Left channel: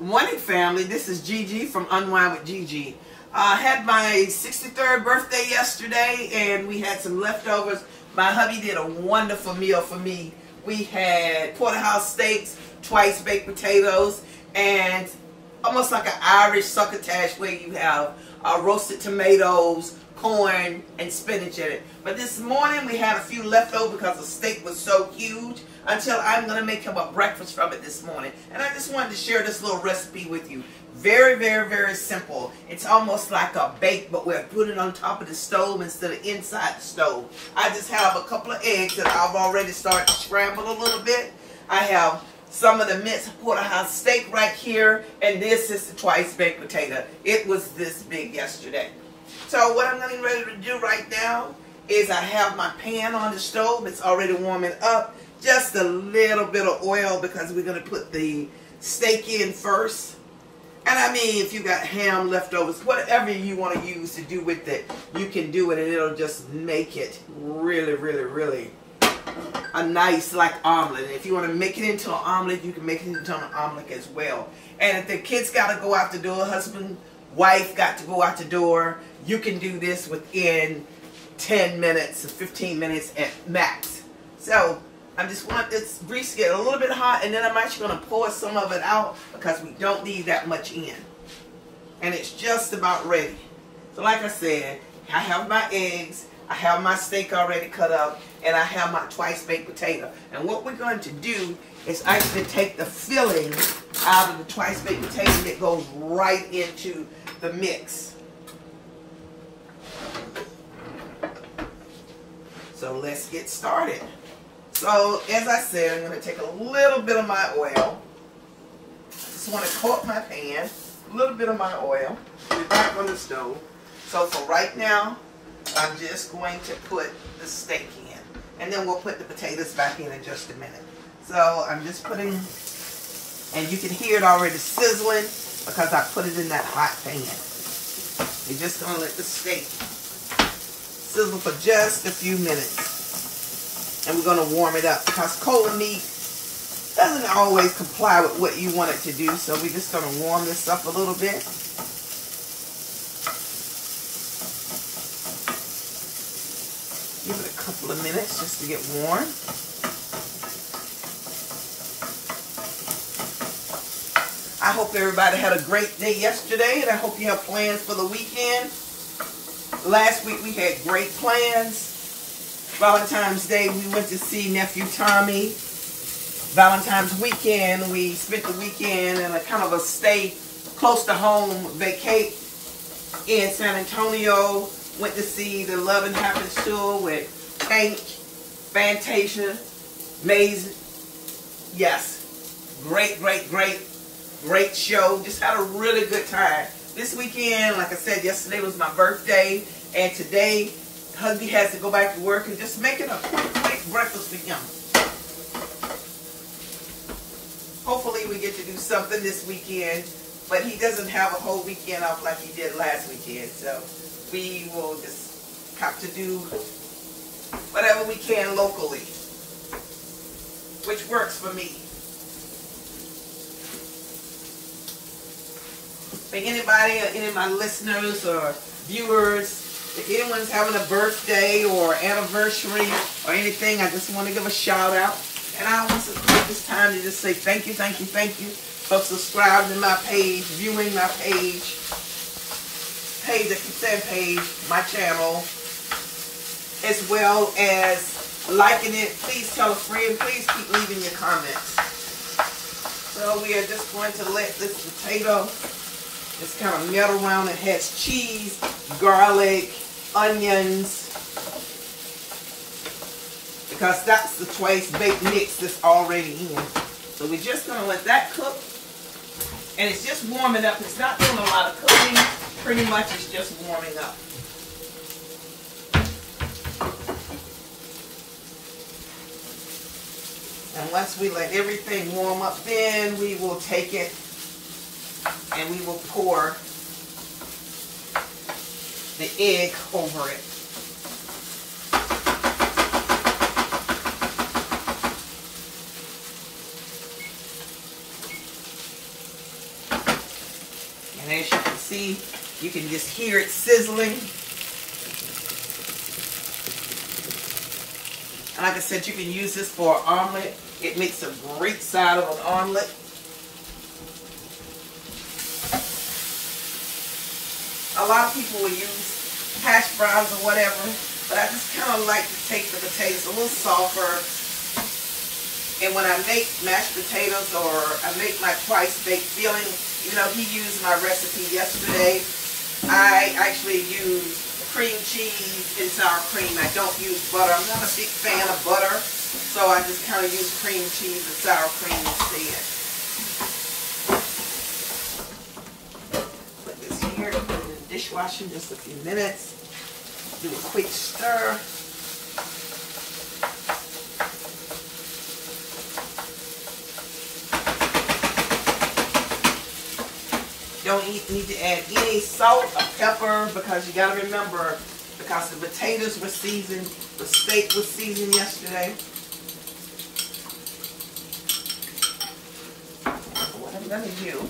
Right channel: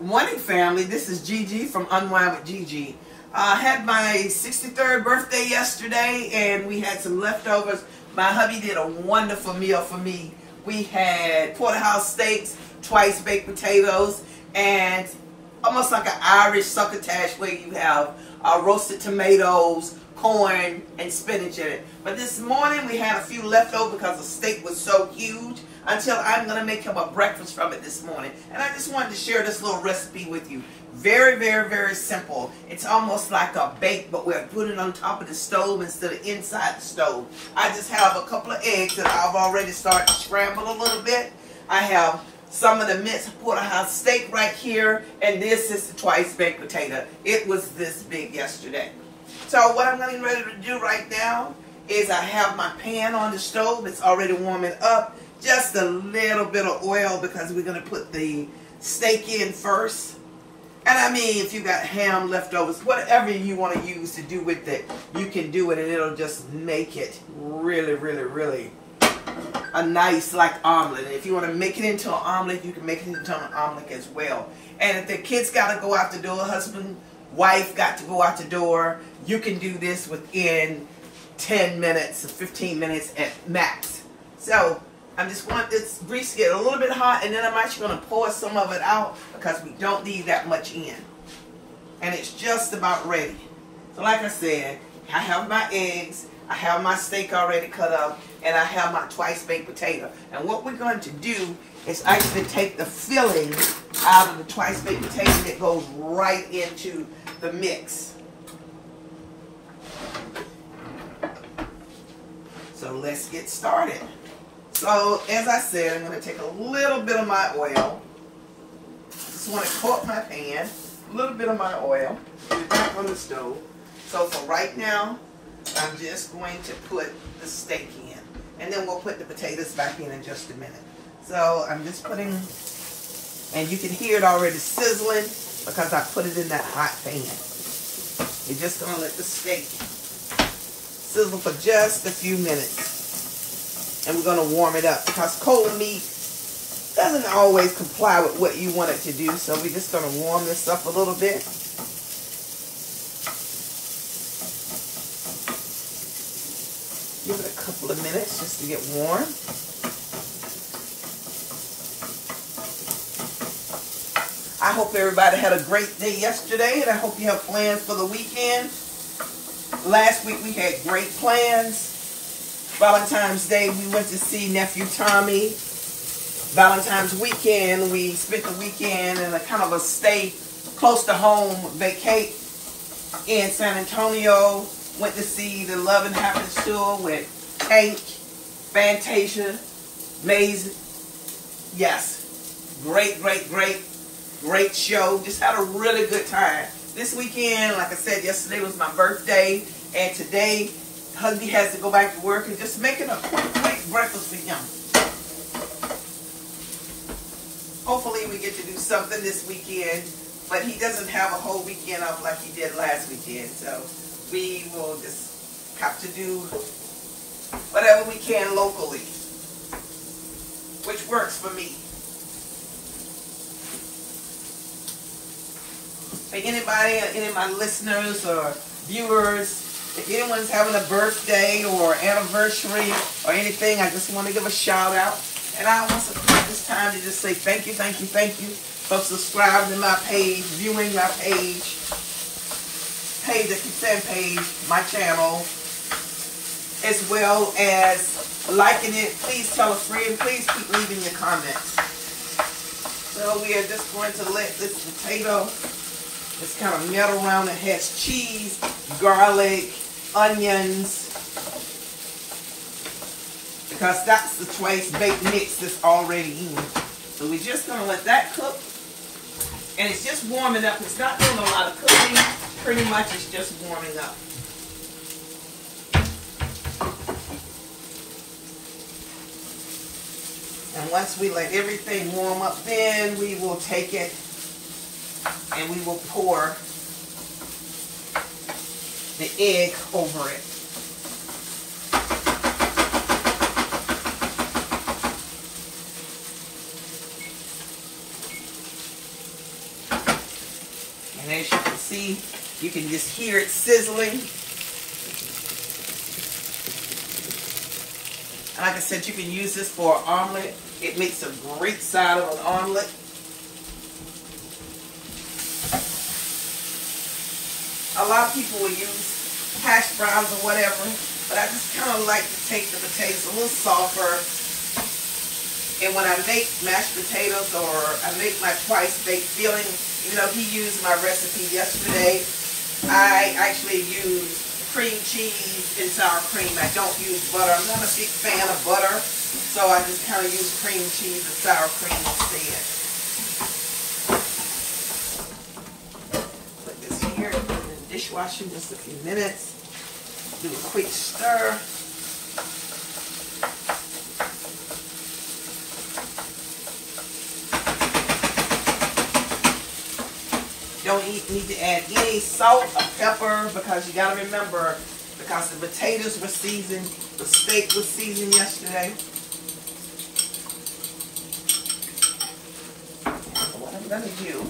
Morning, family. This is Gigi from Unwind with Gigi. I had my 63rd birthday yesterday, and we had some leftovers. My hubby did a wonderful meal for me. We had porterhouse steaks, twice baked potatoes, and almost like an Irish succotash where you have roasted tomatoes, corn, and spinach in it. But this morning we had a few leftover because the steak was so huge until I'm going to make him a breakfast from it this morning. And I just wanted to share this little recipe with you. Very, very, very simple. It's almost like a bake, but we're putting it on top of the stove instead of inside the stove. I just have a couple of eggs that I've already started to scramble a little bit. I have some of the minced porterhouse steak right here, and this is the twice baked potato. It was this big yesterday. So what I'm getting ready to do right now is I have my pan on the stove. It's already warming up. Just a little bit of oil because we're going to put the steak in first. And I mean, if you got ham leftovers, whatever you want to use to do with it, you can do it, and it'll just make it really, really, really a nice like omelet. And if you want to make it into an omelet, you can make it into an omelet as well. And if the kids got to go out the door, husband, wife got to go out the door, you can do this within 10 minutes or 15 minutes at max. So I just want this grease to get a little bit hot, and then I'm actually going to pour some of it out because we don't need that much in. And it's just about ready. So like I said, I have my eggs, I have my steak already cut up, and I have my twice baked potato. And what we're going to do is actually take the filling out of the twice baked potato and it goes right into the mix. So let's get started. So as I said, I'm going to take a little bit of my oil. Just want to coat my pan. A little bit of my oil. Back on the stove. So for right now, I'm just going to put the steak in. And then we'll put the potatoes back in just a minute. So I'm just putting, and you can hear it already sizzling because I put it in that hot pan. You're just going to let the steak sizzle for just a few minutes. And we're going to warm it up because cold meat doesn't always comply with what you want it to do. So we're just going to warm this up a little bit. Give it a couple of minutes just to get warm. I hope everybody had a great day yesterday, and I hope you have plans for the weekend. Last week we had great plans. Valentine's Day, we went to see nephew Tommy. Valentine's weekend, we spent the weekend in a kind of a stay close to home vacate in San Antonio. Went to see the Love and Happiness tour with Tank, Fantasia, Maze. Yes, great show. Just had a really good time. This weekend, like I said, yesterday was my birthday, and today hubby has to go back to work and just making a quick breakfast for him. Hopefully we get to do something this weekend, but he doesn't have a whole weekend off like he did last weekend, so we will just have to do whatever we can locally, which works for me. If anybody, any of my listeners or viewers, if anyone's having a birthday or anniversary or anything, I just want to give a shout out. And I want to take this time to just say thank you for subscribing to my page, viewing my page, my channel, as well as liking it. Please tell a friend. Please keep leaving your comments. So we are just going to let this potato just kind of melt around. It has cheese, garlic, onions, because that's the twice baked mix that's already in. So we're just going to let that cook, and it's just warming up. It's not doing a lot of cooking. Pretty much it's just warming up. And once we let everything warm up, then we will take it and we will pour the egg over it. And as you can see, you can just hear it sizzling. And like I said, you can use this for an omelet. It makes a great side of an omelet. A lot of people will use hash browns or whatever, but I just kind of like to take the potatoes a little softer. And when I make mashed potatoes or I make my twice baked filling, you know, he used my recipe yesterday. I actually use cream cheese and sour cream. I don't use butter. I'm not a big fan of butter, so I just kind of use cream cheese and sour cream instead. Put this here in the dishwasher just a few minutes. Do a quick stir. Don't need to add any salt or pepper because you got to remember, because the potatoes were seasoned, the steak was seasoned yesterday. What I'm going to do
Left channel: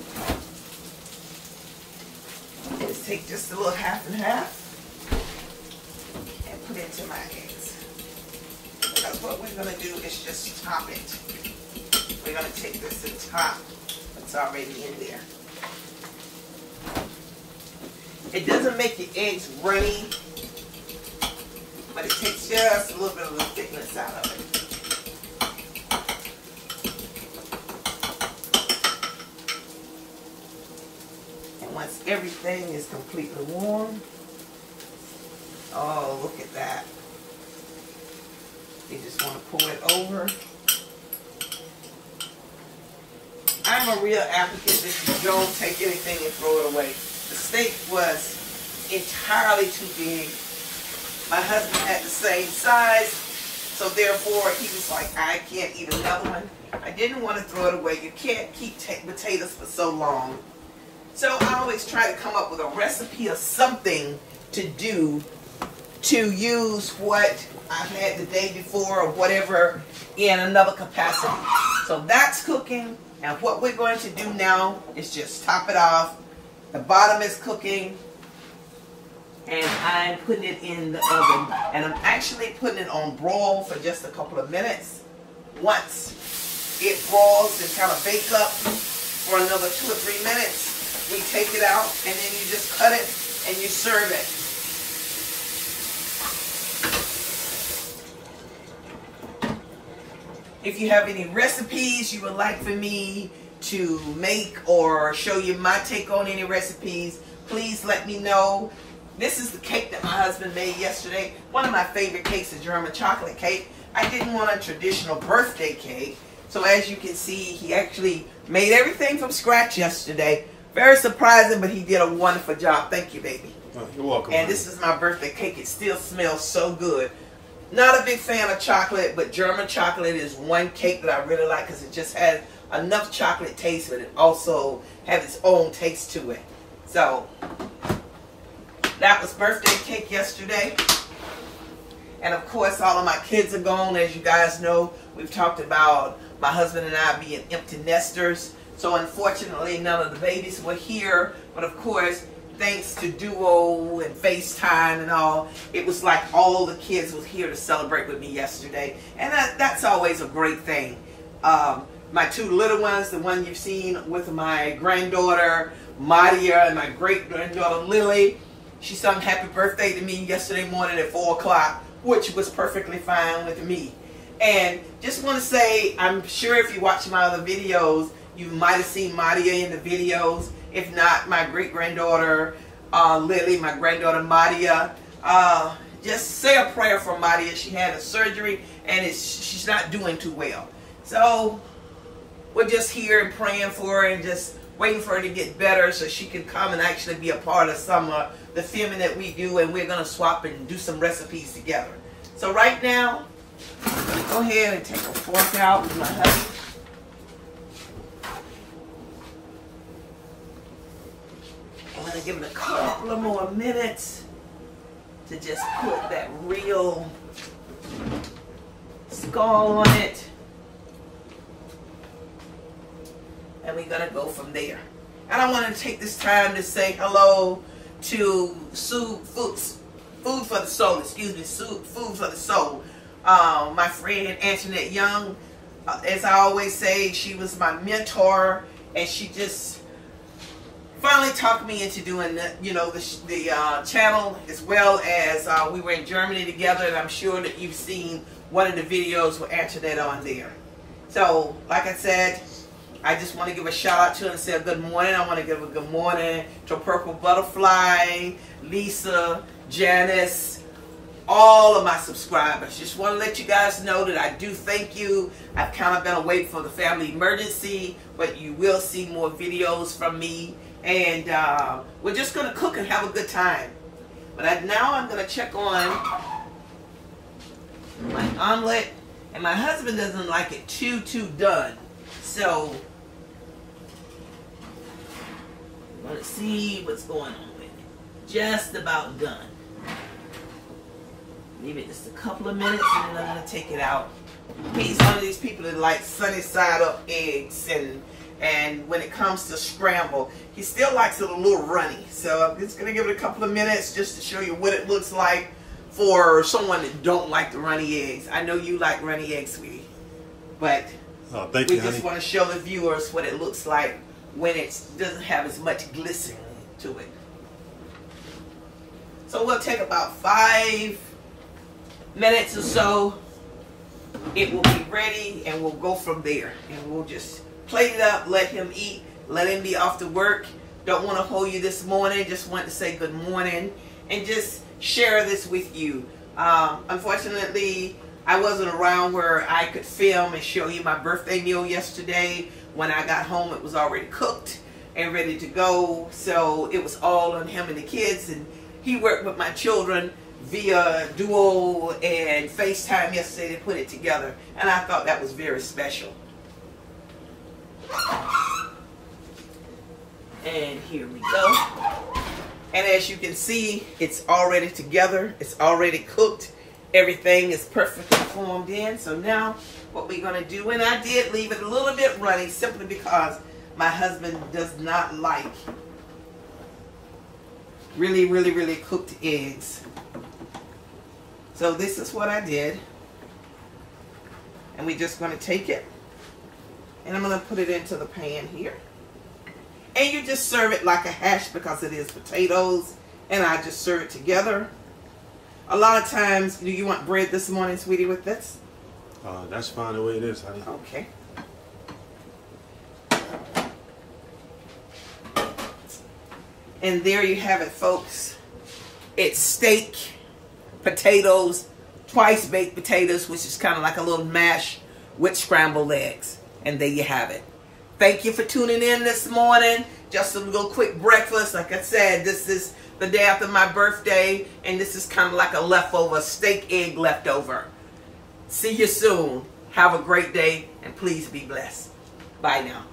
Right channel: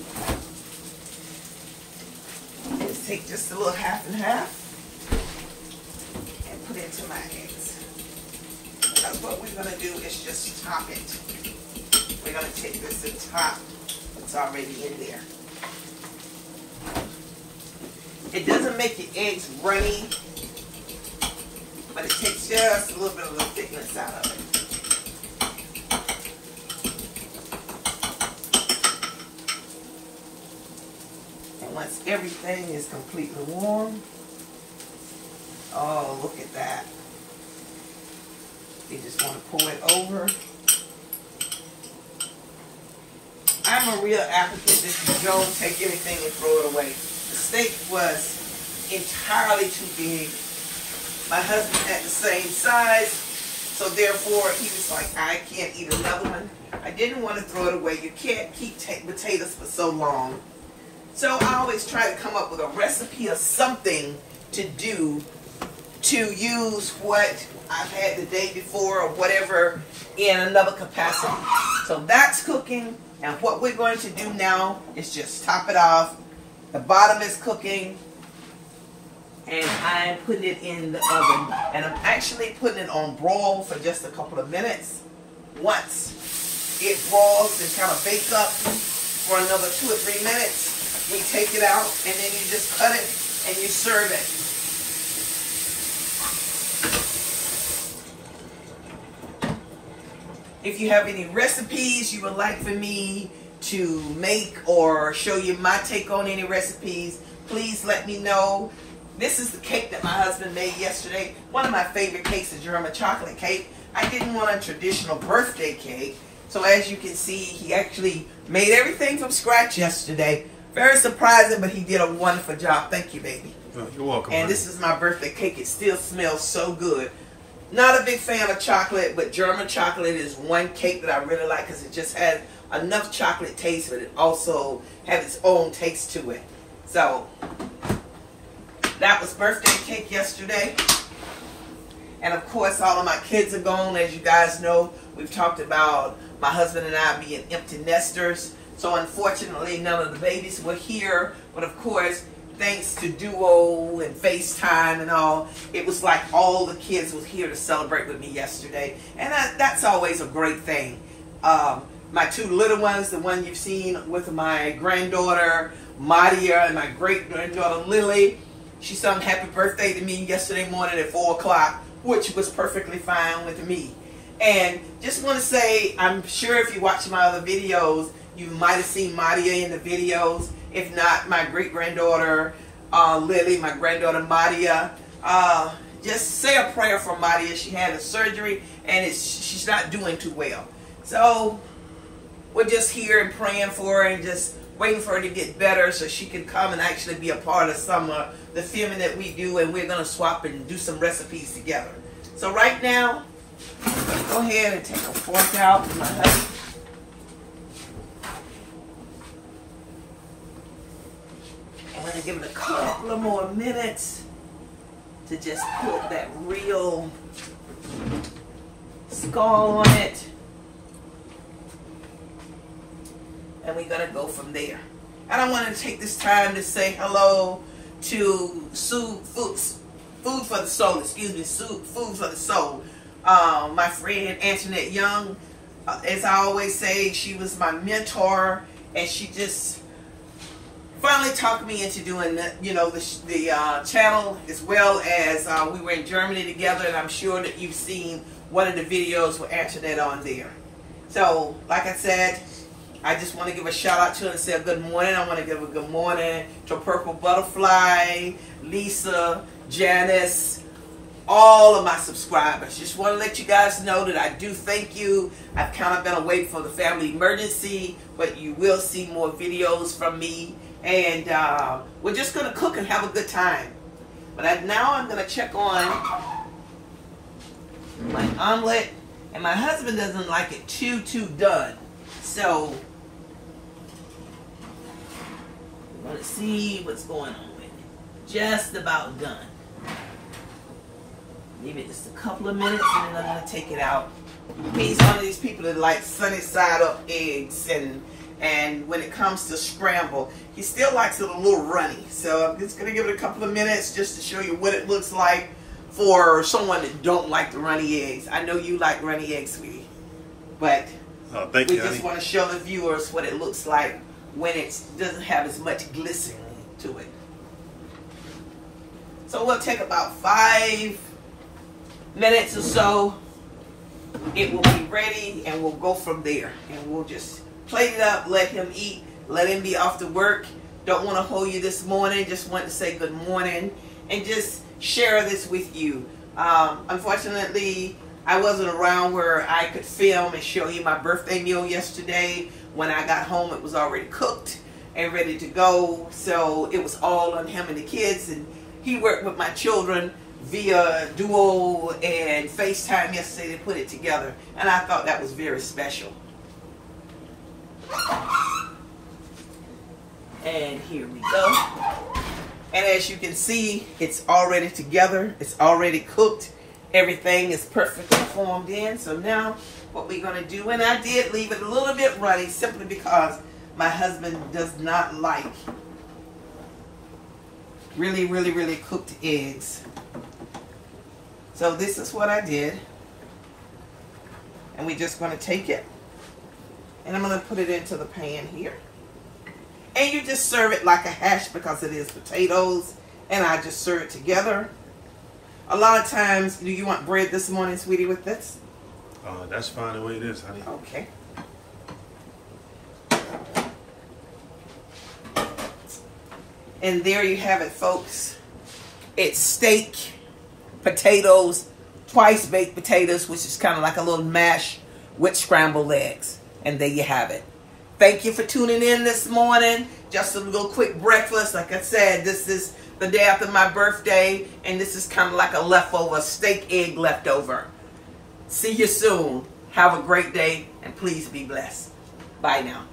is take just a little half and half and put it into my eggs. Because what we're going to do is just top it. We're going to take this and top what's already in there. It doesn't make the eggs runny, but it takes just a little bit of the thickness out of it. And once everything is completely warm, oh, look at that. You just want to pour it over. I'm a real advocate that you don't take anything and throw it away. The steak was entirely too big. My husband had the same size, so therefore he was like, I can't eat another one. I didn't want to throw it away. You can't keep potatoes for so long. So I always try to come up with a recipe or something to do to use what I've had the day before or whatever in another capacity. So that's cooking, and what we're going to do now is just top it off. The bottom is cooking, and I'm putting it in the oven. And I'm actually putting it on broil for just a couple of minutes. Once it broils and kind of bakes up for another 2 or 3 minutes, we take it out, and then you just cut it and you serve it. If you have any recipes you would like for me to make or show you my take on any recipes, please let me know. This is the cake that my husband made yesterday. One of my favorite cakes is German chocolate cake. I didn't want a traditional birthday cake, so as you can see, he actually made everything from scratch yesterday. Very surprising, but he did a wonderful job. Thank you, baby. Oh, you're welcome. And this is my birthday cake. It still smells so good. Not a big fan of chocolate, but German chocolate is one cake that I really like because it just has enough chocolate taste, but it also has its own taste to it. So that was birthday cake yesterday. And of course, all of my kids are gone. As you guys know, we've talked about my husband and I being empty nesters. So unfortunately, none of the babies were here. But of course, thanks to Duo and FaceTime and all, it was like all the kids was here to celebrate with me yesterday. And that's always a great thing. My 2 little ones, the one you've seen with my granddaughter, Madia, and my great-granddaughter, Lily, she sung happy birthday to me yesterday morning at 4 o'clock, which was perfectly fine with me. And just want to say, I'm sure if you watch my other videos, you might have seen Madia in the videos. If not, my great-granddaughter, Lily, my granddaughter, Madia. Just say a prayer for Madia. She had a surgery, and she's not doing too well. So we're just here and praying for her and just waiting for her to get better so she can come and actually be a part of some of the filming that we do, and we're going to swap and do some recipes together. So right now, go ahead and take a fork out with my honey. I'm going to give it a couple more minutes to just put that real skull on it. And we're going to go from there. And I wanted to take this time to say hello to Food for the Soul, excuse me, Food for the Soul. My friend Antoinette Young, as I always say, she was my mentor, and she just finally talked me into doing the channel, as well as we were in Germany together, and I'm sure that you've seen one of the videos with Antoinette on there. So, like I said, I just want to give a shout out to her and say a good morning. I want to give a good morning to Purple Butterfly, Lisa, Janice, all of my subscribers. Just want to let you guys know that I do thank you. I've kind of been away for the family emergency, but you will see more videos from me. And we're just going to cook and have a good time. But now I'm going to check on my omelet. And my husband doesn't like it too done. So, I'm going to see what's going on with it. Just about done. Leave it just a couple of minutes and then I'm going to take it out. He's one of these people that like sunny side up eggs, and when it comes to scramble, he still likes it a little runny. So I'm just going to give it a couple of minutes just to show you what it looks like for someone that don't like the runny eggs. I know you like runny eggs, sweetie, but we just want to show the viewers what it looks like when it doesn't have as much glistening to it. So we'll take about 5 minutes or so. It will be ready, and we'll go from there. And we'll just plate it up, let him eat, let him be off to work. Don't want to hold you this morning. Just want to say good morning and just share this with you. Unfortunately, I wasn't around where I could film and show you my birthday meal yesterday. When I got home, it was already cooked and ready to go. So it was all on him and the kids. And he worked with my children via Duo and FaceTime yesterday to put it together. And I thought that was very special. And here we go. And as you can see, it's already together. It's already cooked. Everything is perfectly formed in. So now what we're going to do, and I did leave it a little bit runny simply because my husband does not like really cooked eggs. So this is what I did. And we're just going to take it. And I'm going to put it into the pan here. And you just serve it like a hash because it is potatoes. And I just serve it together. A lot of times, do you want bread this morning, sweetie, with this? That's fine the way it is, honey. Okay. And there you have it, folks. It's steak, potatoes, twice baked potatoes, which is kind of like a little mash with scrambled eggs. And there you have it. Thank you for tuning in this morning. Just a little quick breakfast. Like I said, this is the day after my birthday, and this is kind of like a leftover, steak egg leftover. See you soon. Have a great day, and please be blessed. Bye now.